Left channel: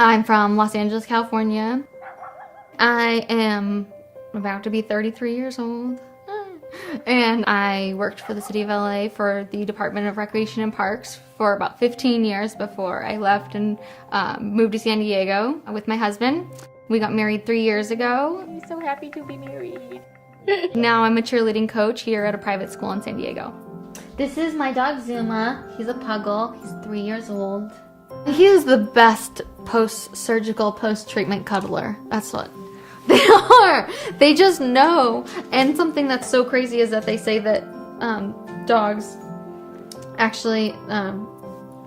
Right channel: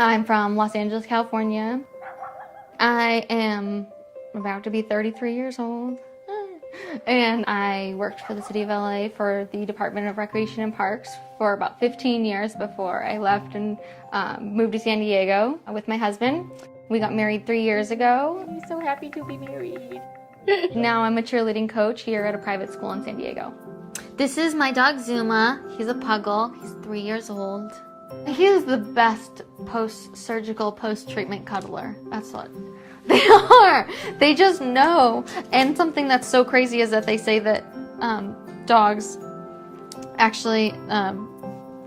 I'm from Los Angeles, California. I am about to be 33 years old. And I worked for the city of LA for the Department of Recreation and Parks for about 15 years before I left and moved to San Diego with my husband. We got married 3 years ago. I'm so happy to be married. Now I'm a cheerleading coach here at a private school in San Diego. This is my dog Zuma. He's a puggle. He's 3 years old. He is the best post-surgical, post-treatment cuddler. That's what they are. They just know. And something that's so crazy is that they say that dogs actually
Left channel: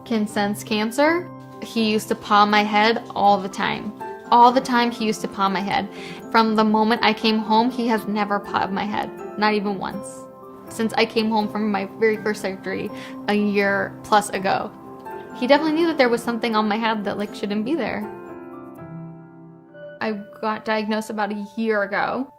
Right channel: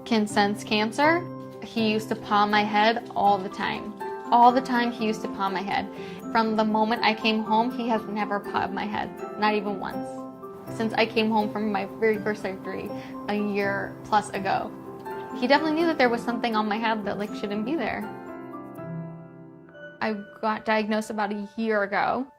can sense cancer. He used to paw my head all the time. All the time he used to paw my head. From the moment I came home, he has never pawed my head. Not even once. Since I came home from my very first surgery a year plus ago. He definitely knew that there was something on my head that like shouldn't be there. I got diagnosed about a year ago.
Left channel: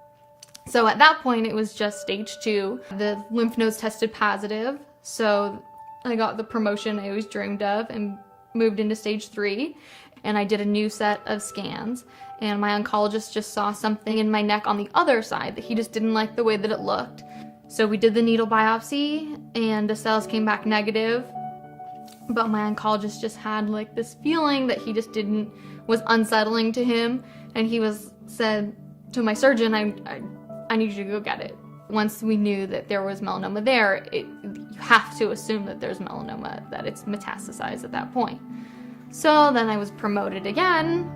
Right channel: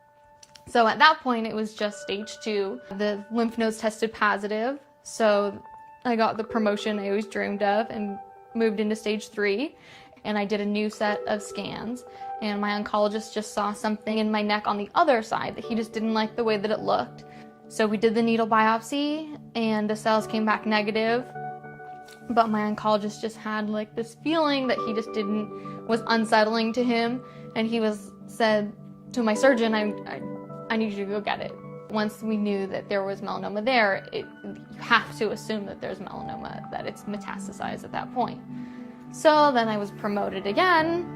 So at that point it was just stage 2. The lymph nodes tested positive. So I got the promotion I always dreamed of and moved into stage 3. And I did a new set of scans. And my oncologist just saw something in my neck on the other side that he just didn't like the way that it looked. So we did the needle biopsy and the cells came back negative. But my oncologist just had like this feeling that he just was unsettling to him. And he said to my surgeon, I need you to go get it. Once we knew that there was melanoma there, you have to assume that there's melanoma, that it's metastasized at that point. So then I was promoted again,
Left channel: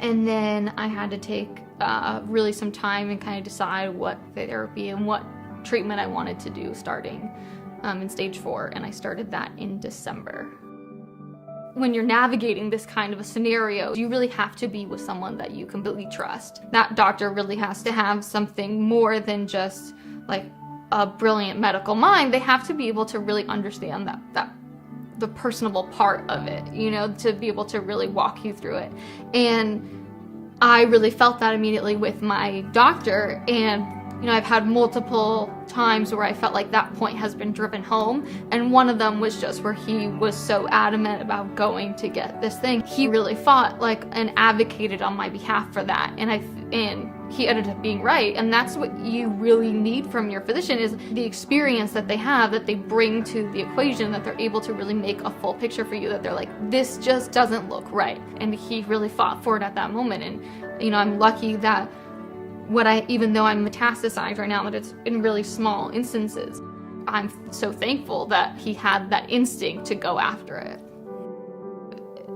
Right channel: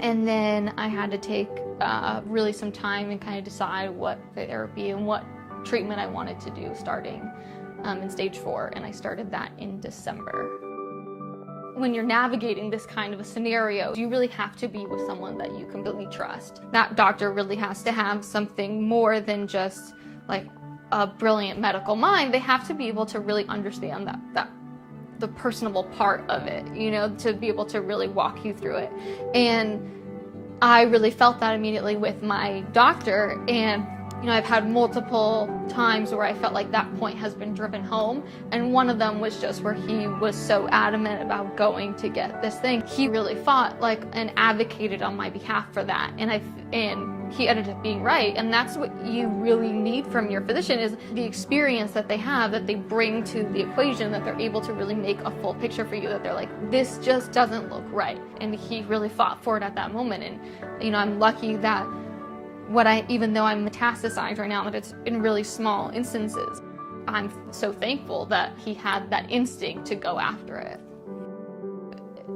and then I had to take really some time and kind of decide what therapy and what treatment I wanted to do starting in stage 4, and I started that in December. When you're navigating this kind of a scenario, you really have to be with someone that you completely trust. That doctor really has to have something more than just like a brilliant medical mind. They have to be able to really understand the personable part of it, you know, to be able to really walk you through it. And I really felt that immediately with my doctor, and you know, I've had multiple times where I felt like that point has been driven home, and one of them was just where he was so adamant about going to get this thing. He really fought like and advocated on my behalf for that, and he ended up being right. And that's what you really need from your physician, is the experience that they have, that they bring to the equation, that they're able to really make a full picture for you, that they're like, this just doesn't look right. And he really fought for it at that moment. And you know, I'm lucky that even though I'm metastasized right now, that it's in really small instances, I'm so thankful that he had that instinct to go after it.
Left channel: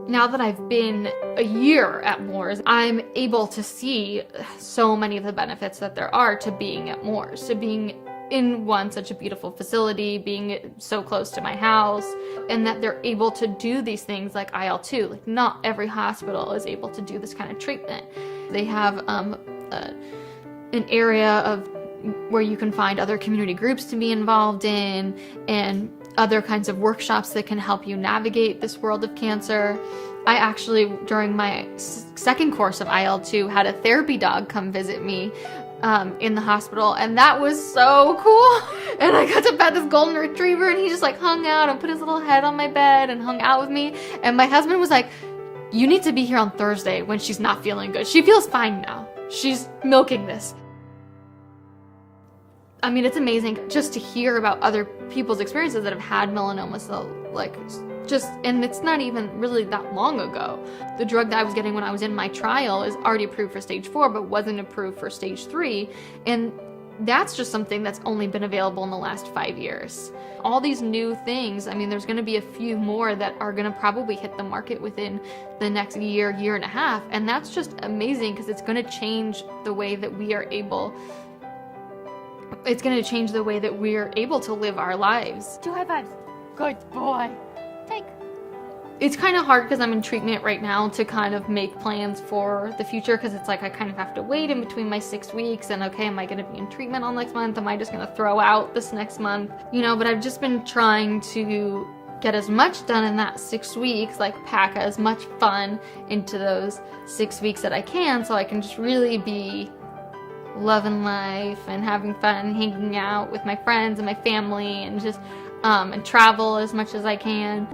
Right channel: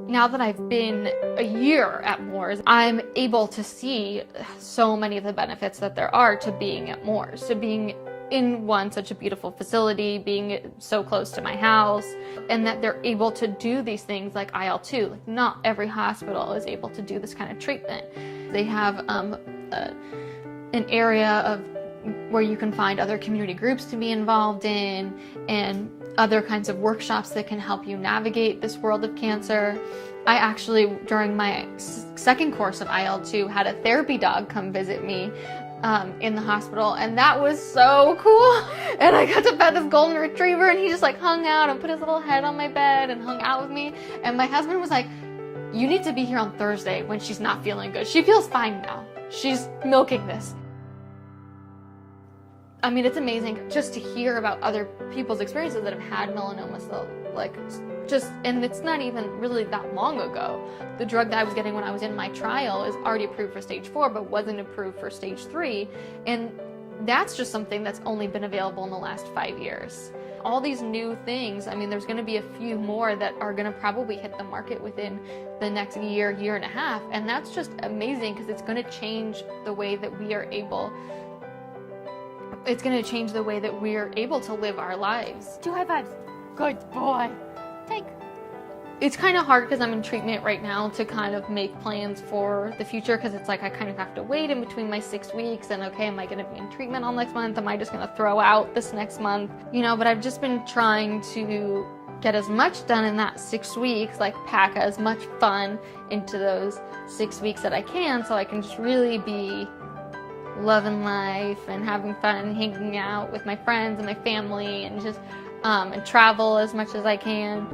Now that I've been a year at Moores, I'm able to see so many of the benefits that there are to being at Moores, to being in such a beautiful facility, being so close to my house, and that they're able to do these things like IL-2. Like, not every hospital is able to do this kind of treatment. They have an area of where you can find other community groups to be involved in, and other kinds of workshops that can help you navigate this world of cancer. I actually, during my second course of IL-2, had a therapy dog come visit me in the hospital, and that was so cool. And I got to pet this golden retriever, and he just like hung out and put his little head on my bed and hung out with me. And my husband was like, you need to be here on Thursday when she's not feeling good. She feels fine now. She's milking this. I mean, it's amazing just to hear about other people's experiences that have had melanoma. So, like, and it's not even really that long ago. The drug that I was getting when I was in my trial is already approved for stage 4, but wasn't approved for stage 3. And that's just something that's only been available in the last 5 years. All these new things, I mean, there's going to be a few more that are going to probably hit the market within the next year and a half. And that's just amazing, because it's going to change the way that we are able to live our lives. 2 high fives. Good boy. Take. It's kind of hard because I'm in treatment right now to kind of make plans for the future, because it's like I kind of have to wait in between my 6 weeks, and okay, am I going to be in treatment all next month? Am I just going to throw out this next month? You know, but I've just been trying to get as much done in that 6 weeks, like pack as much fun into those 6 weeks that I can, so I can just really be loving life and having fun and hanging out with my friends and my family, and just and travel as much as I can.